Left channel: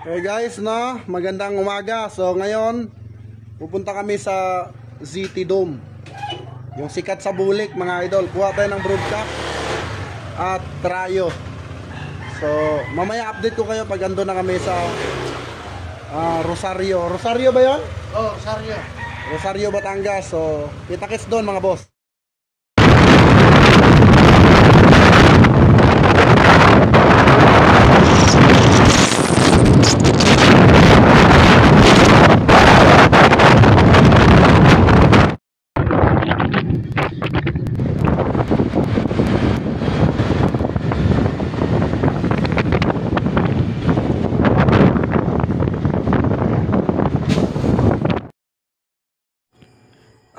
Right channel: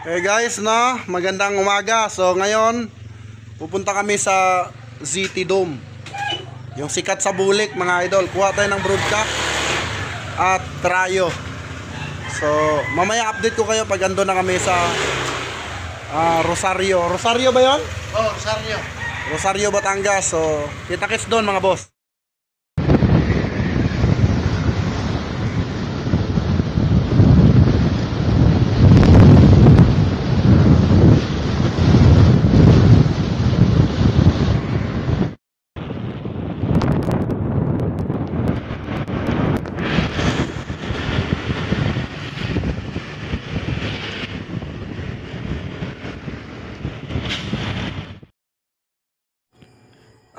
Hey guys, no, magandang umaga. So ngayon, pupunta kami sa ZT Dome. Yung sikat sa bulik, mga idol. Kuha tayo ng broadcast at trayo. So, mamaya update ko kayo pag ando na kami sa Rosario. Rosario ba 'yon? Oh, Rosario. Rosario, Batangas. So, kita-kits doon mga boss.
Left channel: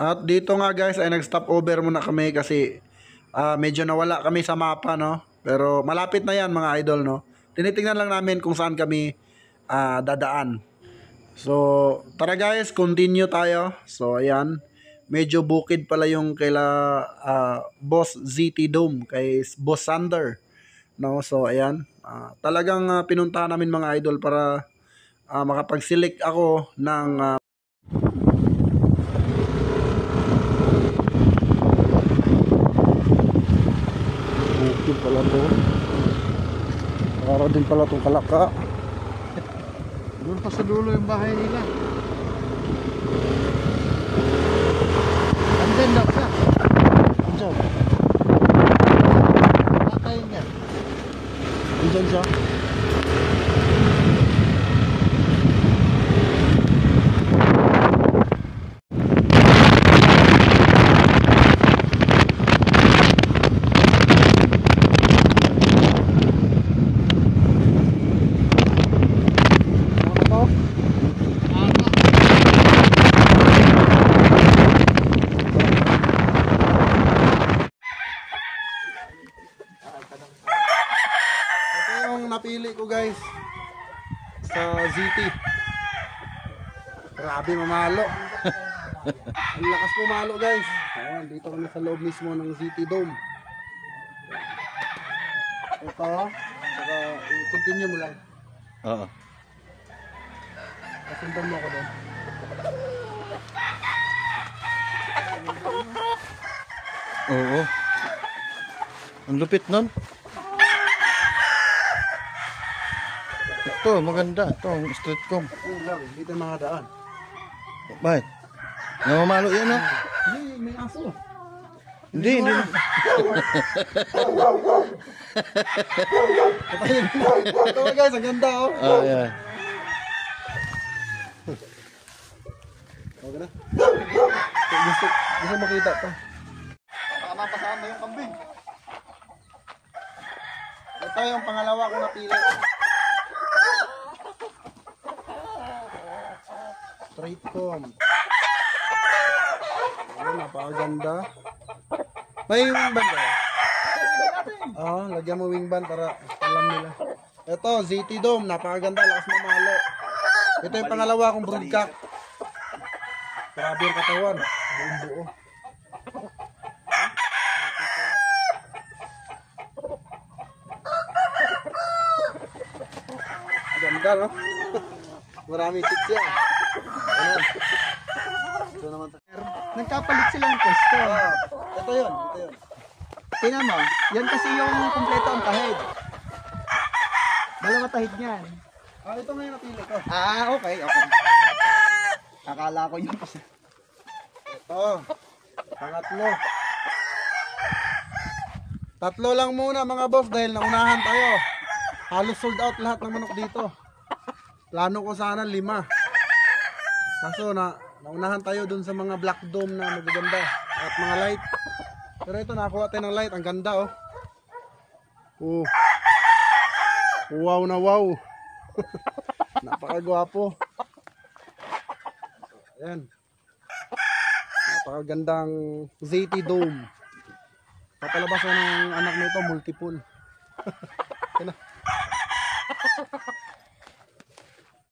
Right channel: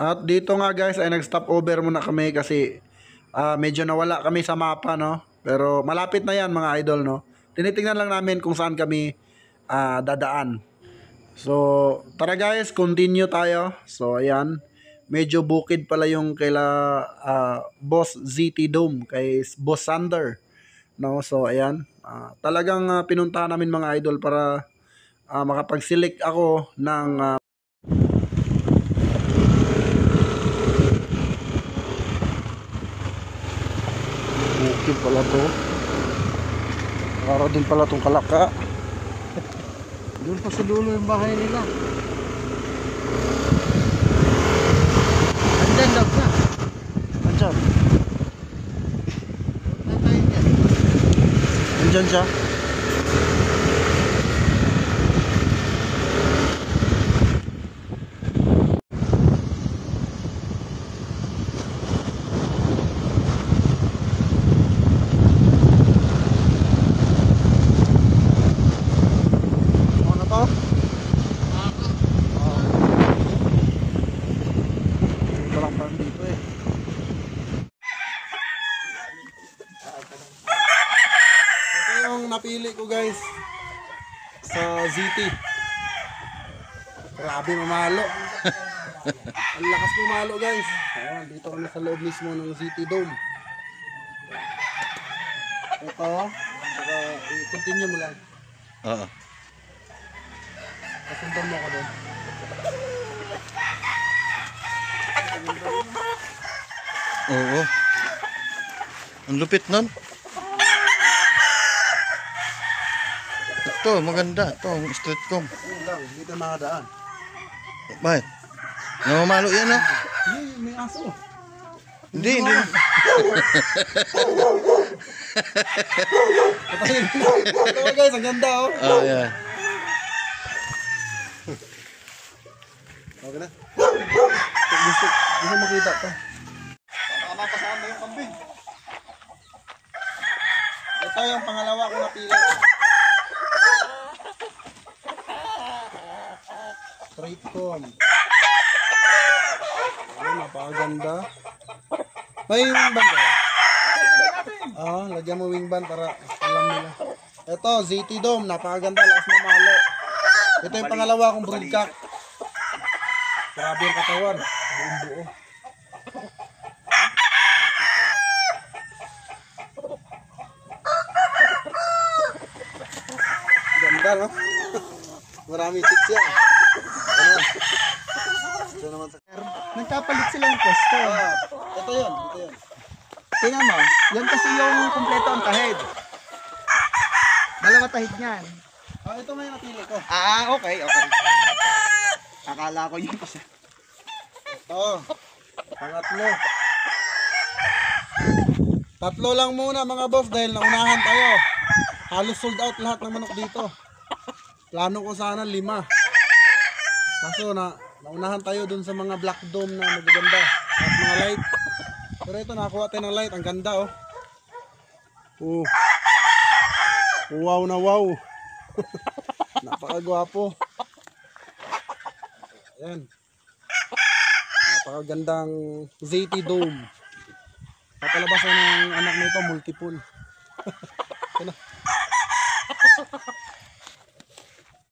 At dito nga guys ay nag-stop over muna kami kasi medyo nawala kami sa mapa, no. Pero malapit na yan mga idol, no. Tinitingnan lang namin kung saan kami dadaan. So tara guys, continue tayo. So ayan, medyo bukid pala yung kaila Boss ZT Dome, kay Boss Sander, no. So ayan, talagang pinuntahan namin mga idol para makapag-select ako ng bukid pala to. Para din pala tong Kalaka. Doon pa sa dulo yung bahay nila. Andyan lang ka. Andyan. Nakain yan. Andyan siya. Napili ko guys sa ZT. Grabe mamalo. Ang lakas pumalo guys. Ayan, dito kami sa loob mismo ng ZT Dome. Ito, saka i-continue mo lang. Oo. Kasundan mo ako doon. Oo. Ang lupit nun. Ito, maganda. Ito, ang street com. Yun lang, dito makadaan. Bakit? Namamalo yan, ha? May aso. Hindi. Ito guys, ang ganda oh. Yeah. Okay na. Gusto makita to. Baka mapasama yung kambing. Ito yung pangalawa kong napili. Straight com. Ayun, napakaganda. May wing band ba? Lagyan mo wing band para alam nila. Ito, ZT Dome, napakaganda, lakas mamalo. Ito yung pangalawa kong broodcock. Grabe yung katawan, buong buo. Ganda, no? Marami chicks yan. Ano? Ito naman sa... Nagkapalit silang pwesto. Ito yun, ito yun. Tingnan mo, yan kasi yung kumpleto ang tahid. Dalawa tahid niyan. Ito na yung napili ko. Okay. Akala ko yun kasi. Ito, pangatlo. Tatlo lang muna mga boss dahil naunahan tayo. Halos sold out lahat ng manok dito. Plano ko sana 5. Kaso naunahan tayo dun sa mga black dome na magaganda at mga light. Pero ito, nakakuha tayo ng light. Ang ganda oh. Wow na wow. Napakagwapo. Ayan. Napakagandang ZT Dome. Papalabas na ng anak nito, multiple. Ayan na.